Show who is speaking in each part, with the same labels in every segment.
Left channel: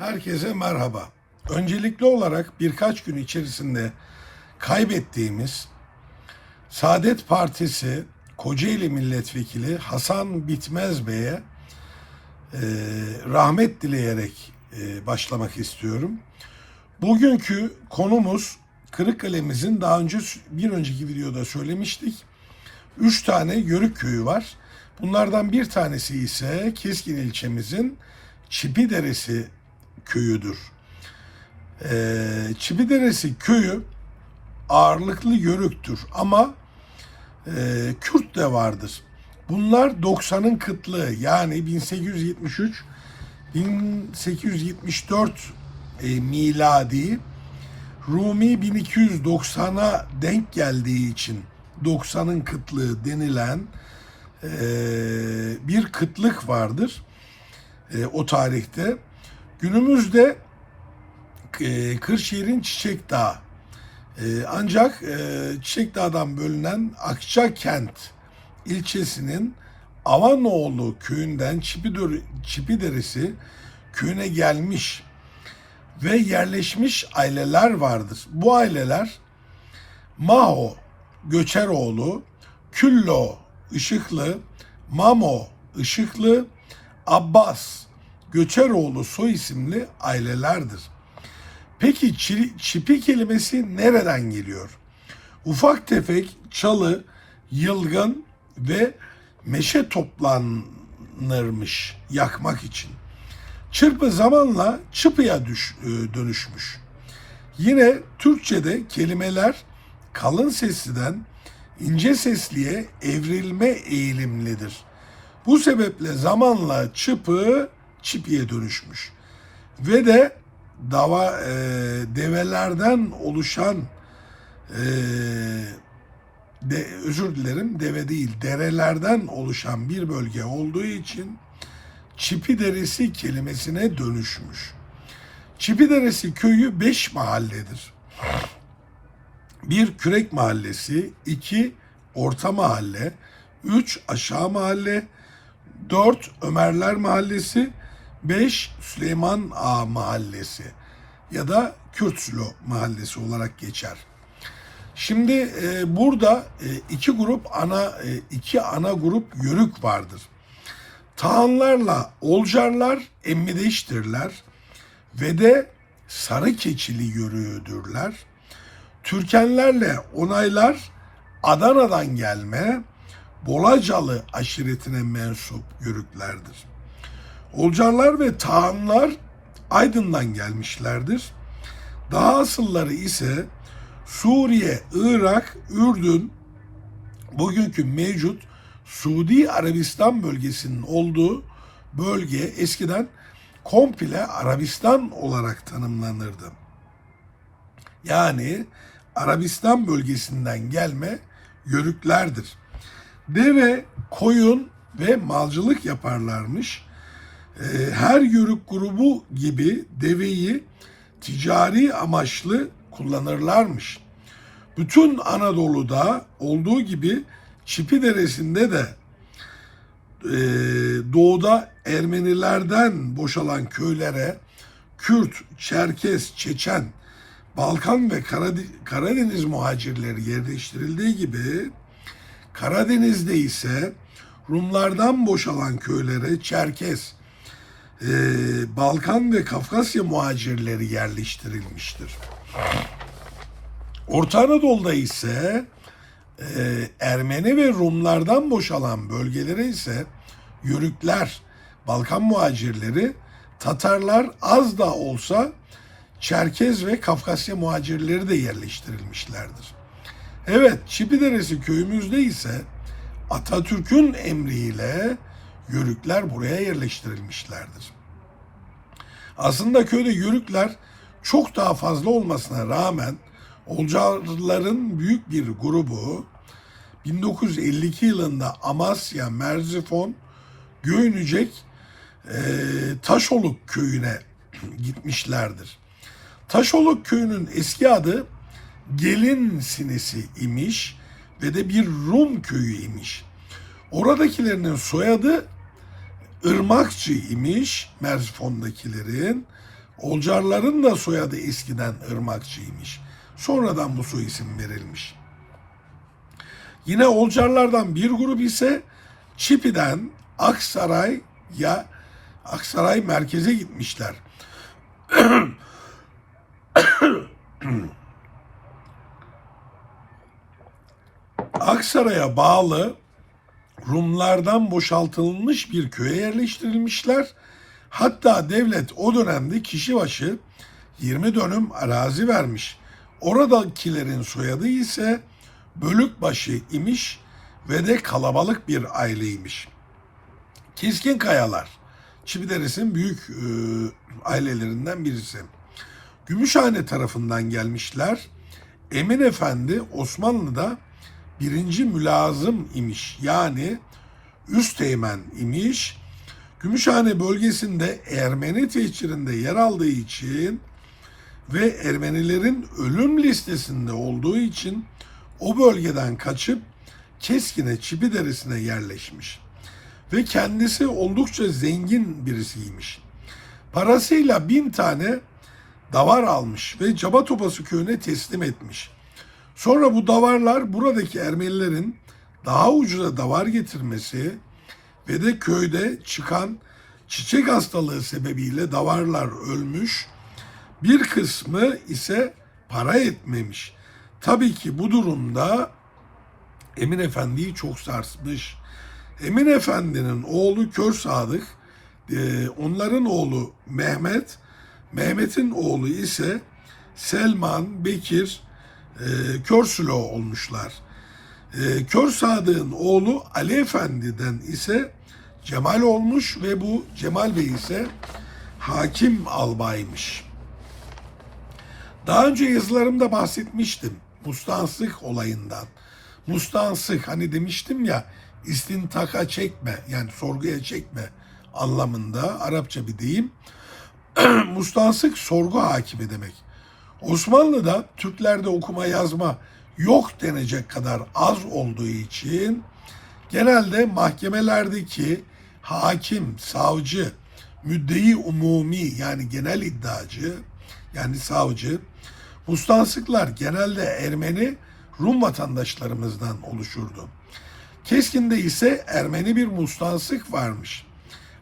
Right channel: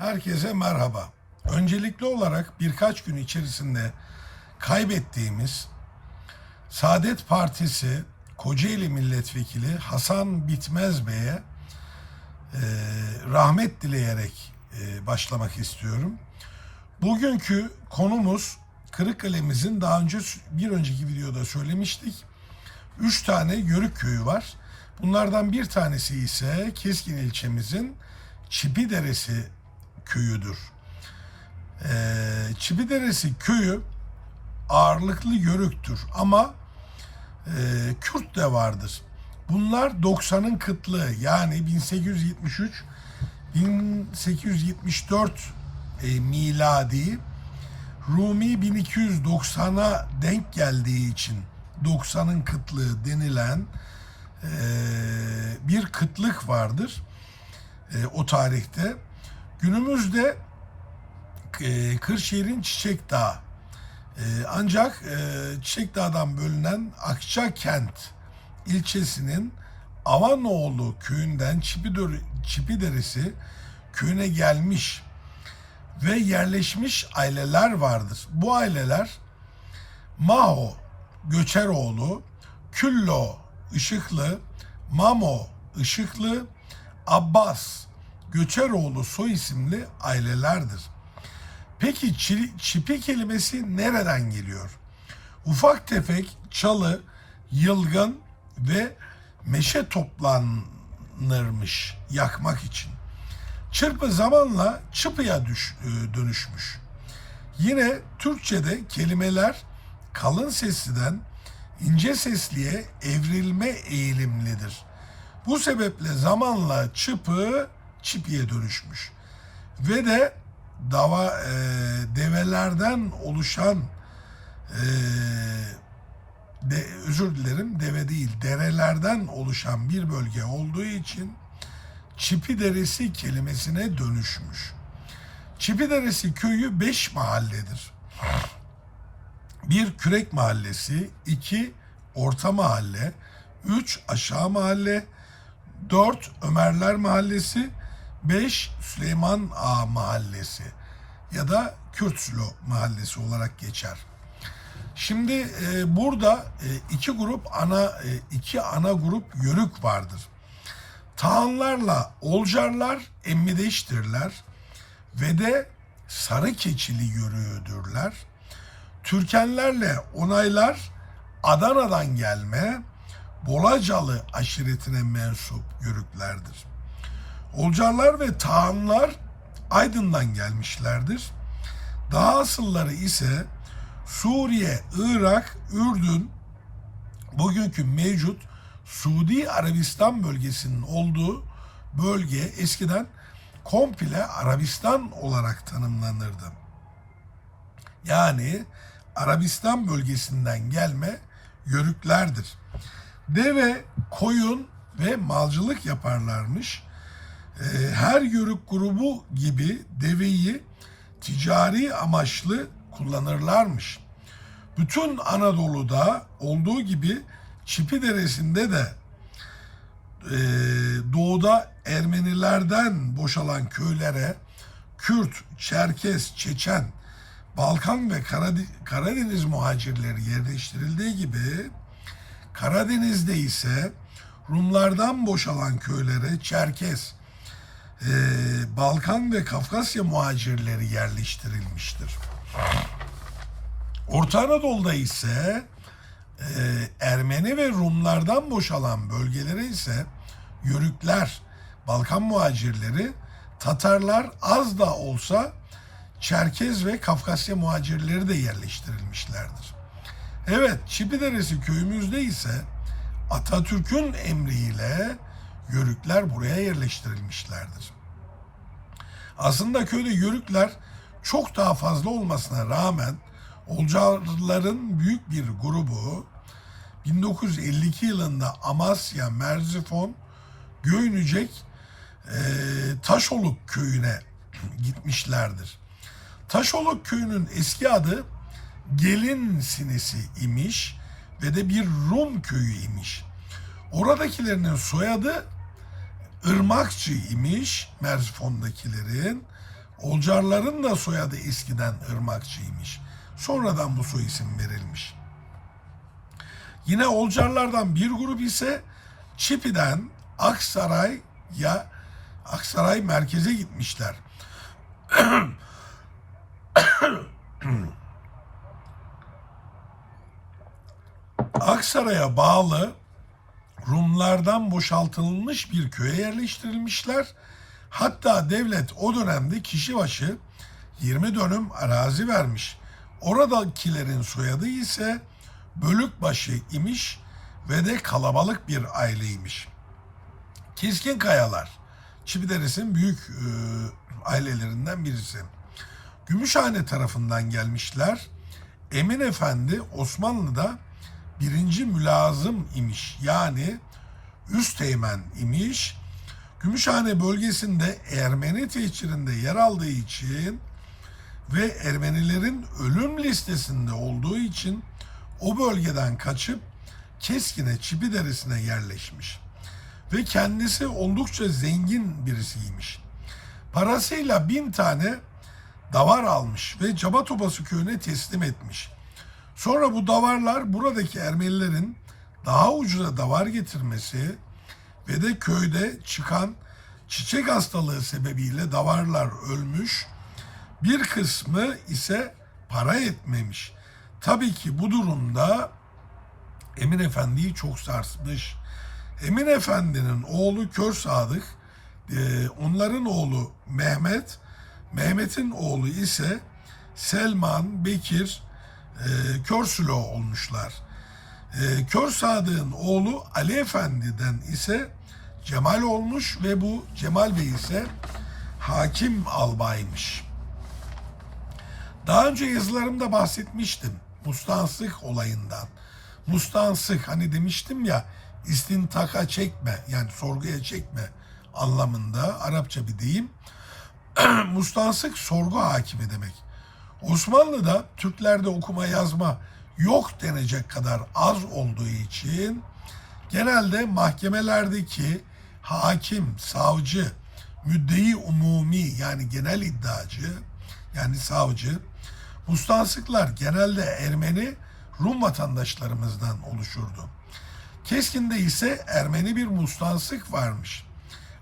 Speaker 1: Herkese merhaba. Öncelikli olarak birkaç gün içerisinde kaybettiğimiz Saadet Partisi Kocaeli Milletvekili Hasan Bitmez Bey'e e, rahmet dileyerek e, başlamak istiyorum. Bugünkü konumuz Kırıkkale'mizin daha önce bir önceki videoda söylemiştik. Üç tane Yörük köyü var. Bunlardan bir tanesi ise Keskin ilçemizin Çipideresi köyüdür. Ee, Çipideresi köyü ağırlıklı Yörüktür ama e, Kürt de vardır. Bunlar 90'ın kıtlığı yani 1873 1874 e, miladi Rumi 1290'a denk geldiği için 90'ın kıtlığı denilen e, bir kıtlık vardır e, o tarihte. Günümüzde e, Kırşehir'in Çiçek Dağı e, ancak e, Çiçek Dağ'dan bölünen Akçakent ilçesinin Avanoğlu köyünden Çipidör, Çipideresi köyüne gelmiş ve yerleşmiş aileler vardır. Bu aileler Maho Göçeroğlu, Küllo Işıklı, Mamo Işıklı, Abbas Göçeroğlu soy isimli ailelerdir. Peki çi- çipi kelimesi nereden geliyor? Ufak tefek çalı, yılgın ve meşe toplanırmış yakmak için. Çırpı zamanla çıpıya düş, e, dönüşmüş. Yine Türkçe'de kelimeler kalın sesliden ince sesliye evrilme eğilimlidir. Bu sebeple zamanla çıpı çipiye dönüşmüş. Ve de dava e, develerden oluşan e, de, özür dilerim deve değil derelerden oluşan bir bölge olduğu için Çipi Deresi kelimesine dönüşmüş. Çipi Deresi köyü beş mahalledir. Bir Kürek Mahallesi, iki Orta Mahalle, üç Aşağı Mahalle, dört Ömerler Mahallesi, beş Süleyman Ağa Mahallesi ya da Kürtsülo Mahallesi olarak geçer. Şimdi e, burada e, iki grup ana e, iki ana grup yörük vardır. Tahanlarla Olcarlar emmideştirler ve de sarı keçili yörüğüdürler. Türkenlerle onaylar Adana'dan gelme Bolacalı aşiretine mensup yörüklerdir. Olcarlar ve Tahanlar Aydın'dan gelmişlerdir. Daha asılları ise Suriye, Irak, Ürdün, bugünkü mevcut Suudi Arabistan bölgesinin olduğu bölge eskiden komple Arabistan olarak tanımlanırdı. Yani Arabistan bölgesinden gelme yörüklerdir. Deve, koyun ve malcılık yaparlarmış. Ee, Her yörük grubu gibi deveyi ticari amaçlı kullanırlarmış. Bütün Anadolu'da olduğu gibi Çipi Deresi'nde de e, doğuda Ermenilerden boşalan köylere Kürt, Çerkes, Çeçen, Balkan ve Karade- Karadeniz muhacirleri yerleştirildiği gibi Karadeniz'de ise Rumlardan boşalan köylere Çerkes, e, Balkan ve Kafkasya muhacirleri yerleştirilmiştir. Orta Anadolu'da ise e, Ermeni ve Rumlardan boşalan bölgelere ise Yörükler, Balkan muhacirleri, Tatarlar az da olsa Çerkez ve Kafkasya muhacirleri de yerleştirilmişlerdir. Evet, Çipideresi köyümüzde ise Atatürk'ün emriyle Yörükler buraya yerleştirilmişlerdir. Aslında köyde Yörükler çok daha fazla olmasına rağmen Olcarların büyük bir grubu 1952 yılında Amasya, Merzifon, Göynücek, e, Taşoluk köyüne gitmişlerdir. Taşoluk köyünün eski adı Gelin Sinesi imiş ve de bir Rum köyü imiş. Oradakilerinin soyadı Irmakçı imiş Merzifon'dakilerin. Olcarların da soyadı eskiden Irmakçıymış. Sonradan bu soy isim verilmiş. Yine Olcarlardan bir grup ise Çipi'den Aksaray'a Aksaray merkeze gitmişler. Aksaray'a bağlı Rumlardan boşaltılmış bir köye yerleştirilmişler. Hatta devlet o dönemde kişi başı 20 dönüm arazi vermiş. Oradakilerin soyadı ise Bölükbaşı imiş ve de kalabalık bir aileymiş. Keskin Kayalar, Çipideres'in büyük e, ailelerinden birisi. Gümüşhane tarafından gelmişler. Emin Efendi Osmanlı'da birinci mülazım imiş. Yani üsteğmen imiş. Gümüşhane bölgesinde Ermeni tehcirinde yer aldığı için ve Ermenilerin ölüm listesinde olduğu için o bölgeden kaçıp Keskin'e Çipideres'ine yerleşmiş. Ve kendisi oldukça zengin birisiymiş. Parasıyla bin tane davar almış ve Caba Topası köyüne teslim etmiş. Sonra bu davarlar buradaki Ermenilerin daha ucuza davar getirmesi ve de köyde çıkan çiçek hastalığı sebebiyle davarlar ölmüş. Bir kısmı ise para etmemiş. Tabii ki bu durumda Emin Efendi'yi çok sarsmış. Emin Efendi'nin oğlu Kör Sadık, e, onların oğlu Mehmet, Mehmet'in oğlu ise Selman, Bekir, e, Kör Sülo olmuşlar. E, Kör Sadık'ın oğlu Ali Efendi'den ise Cemal olmuş ve bu Cemal Bey ise hakim albaymış. Daha önce yazılarımda bahsetmiştim mustansık olayından. Mustansık hani demiştim ya istintaka çekme yani sorguya çekme anlamında Arapça bir deyim. mustansık sorgu hakimi demek. Osmanlı'da Türklerde okuma yazma yok denecek kadar az olduğu için genelde mahkemelerdeki hakim, savcı, müddei umumi yani genel iddiacı yani savcı Mustansıklar genelde Ermeni Rum vatandaşlarımızdan oluşurdu. Keskin'de ise Ermeni bir mustansık varmış.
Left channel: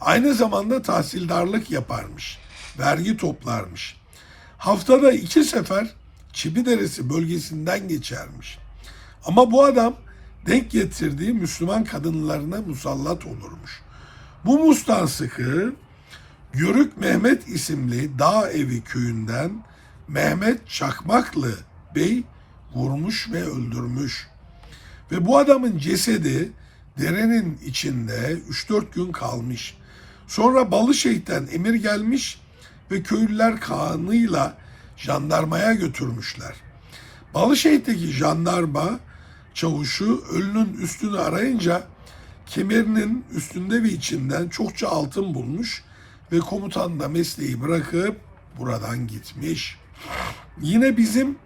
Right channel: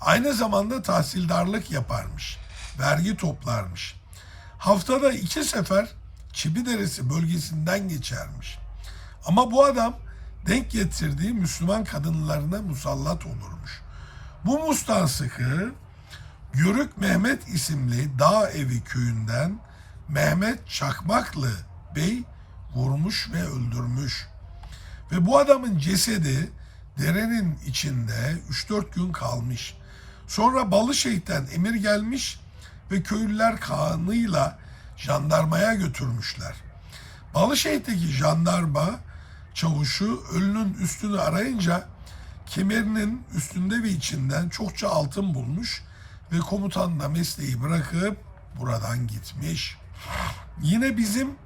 Speaker 1: Aynı zamanda tahsildarlık yaparmış. Vergi toplarmış. Haftada iki sefer Çipideresi bölgesinden geçermiş. Ama bu adam denk getirdiği Müslüman kadınlarına musallat olurmuş. Bu mustansıkı Yörük Mehmet isimli dağ evi köyünden Mehmet Çakmaklı Bey vurmuş ve öldürmüş. Ve bu adamın cesedi derenin içinde 3-4 gün kalmış. Sonra Balışehit'ten emir gelmiş ve köylüler kanıyla jandarmaya götürmüşler. Balışehit'teki jandarma çavuşu ölünün üstünü arayınca kemerinin üstünde ve içinden çokça altın bulmuş ve komutan da mesleği bırakıp buradan gitmiş. Yine bizim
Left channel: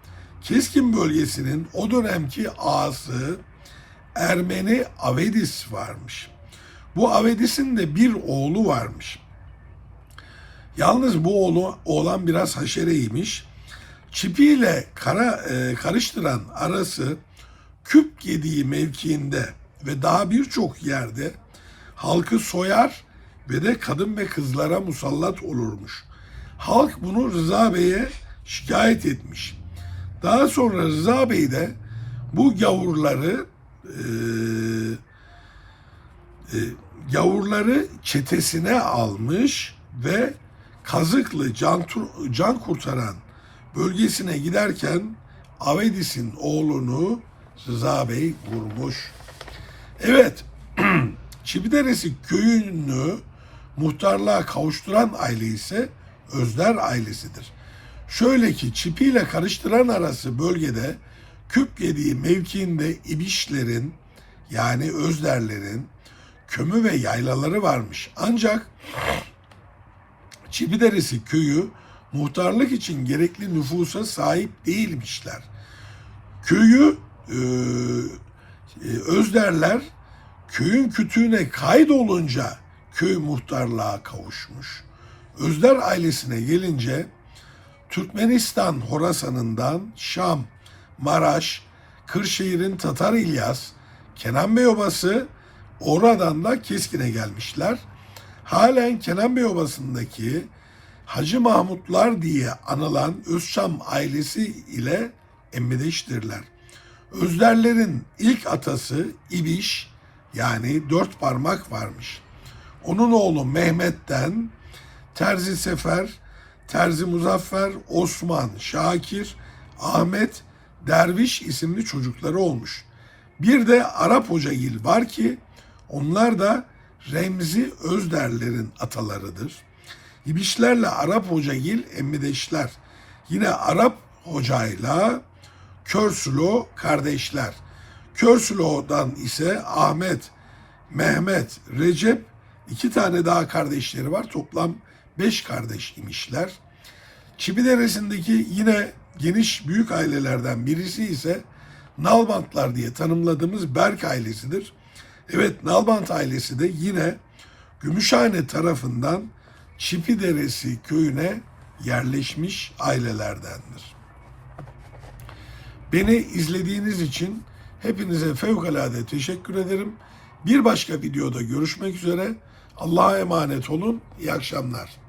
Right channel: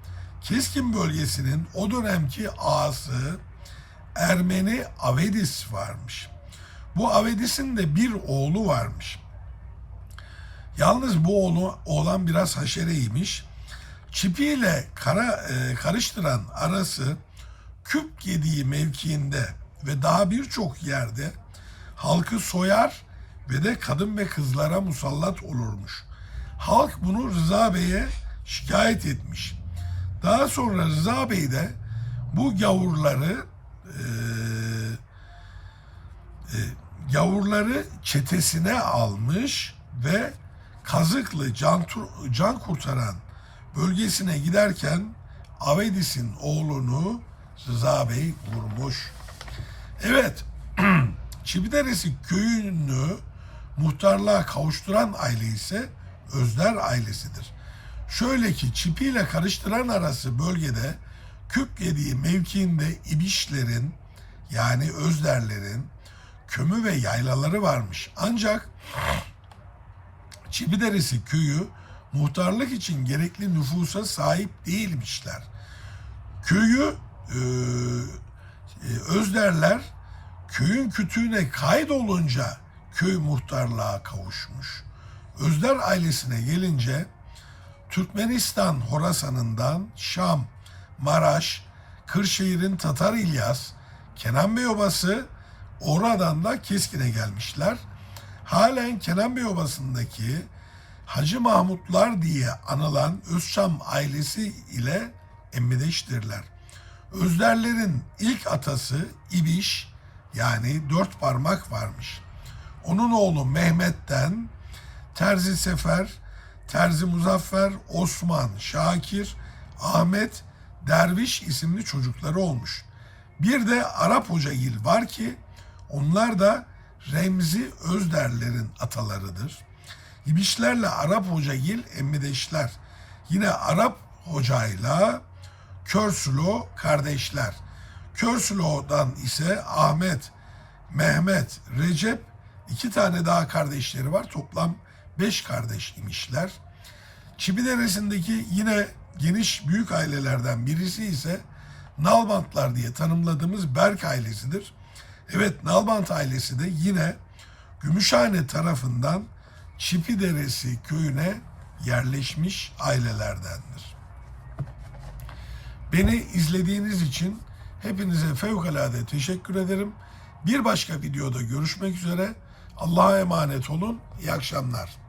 Speaker 1: Keskin bölgesinin o dönemki ağası Ermeni Avedis varmış. Bu Avedis'in de bir oğlu varmış. Yalnız bu oğlu oğlan biraz haşereymiş. Çipiyle kara e, karıştıran arası küp yediği mevkiinde ve daha birçok yerde halkı soyar ve de kadın ve kızlara musallat olurmuş. Halk bunu Rıza Bey'e şikayet etmiş. Daha sonra Rıza Bey de bu gavurları e, e, gavurları çetesine almış ve Kazıklı can, can kurtaran bölgesine giderken Avedis'in oğlunu Rıza Bey vurmuş. Evet, Çipideresi köyünü muhtarlığa kavuşturan aile ise Özler ailesidir. Şöyle ki çipiyle karıştıran arası bölgede küp yediği mevkiinde ibişlerin yani özlerlerin kömü ve yaylaları varmış. Ancak Çipideresi köyü muhtarlık için gerekli nüfusa sahip değilmişler. Köyü e, e, özlerler köyün kütüğüne kaydolunca köy muhtarlığa kavuşmuş. Özder ailesine gelince Türkmenistan Horasan'ından Şam, Maraş, Kırşehir'in Tatar İlyas, Kenan Bey Obası oradan da Keskin'e gelmişler. Halen Kenan Bey Obası'ndaki Hacı Mahmutlar diye anılan Özçam ailesi ile emmideştirler. Özderlerin ilk atası İbiş yani dört parmak varmış. Onun oğlu Mehmet'ten Terzi Sefer, Terzi Muzaffer, Osman, Şakir, Ahmet, Derviş isimli çocukları olmuş. Bir de Arap Hocagil var ki onlar da Remzi Özderlerin atalarıdır. İbişlerle Arap Hocagil emmideşler. Yine Arap Hocayla Körsülo kardeşler. Körsülo'dan ise Ahmet, Mehmet, Recep iki tane daha kardeşleri var. Toplam beş kardeş imişler. Çipidere'sindeki yine geniş büyük ailelerden birisi ise Nalbantlar diye tanımladığımız Berk ailesidir. Evet Nalbant ailesi de yine Gümüşhane tarafından Çipideresi köyüne yerleşmiş ailelerdendir. Beni izlediğiniz için hepinize fevkalade teşekkür ederim. Bir başka videoda görüşmek üzere. Allah'a emanet olun. İyi akşamlar.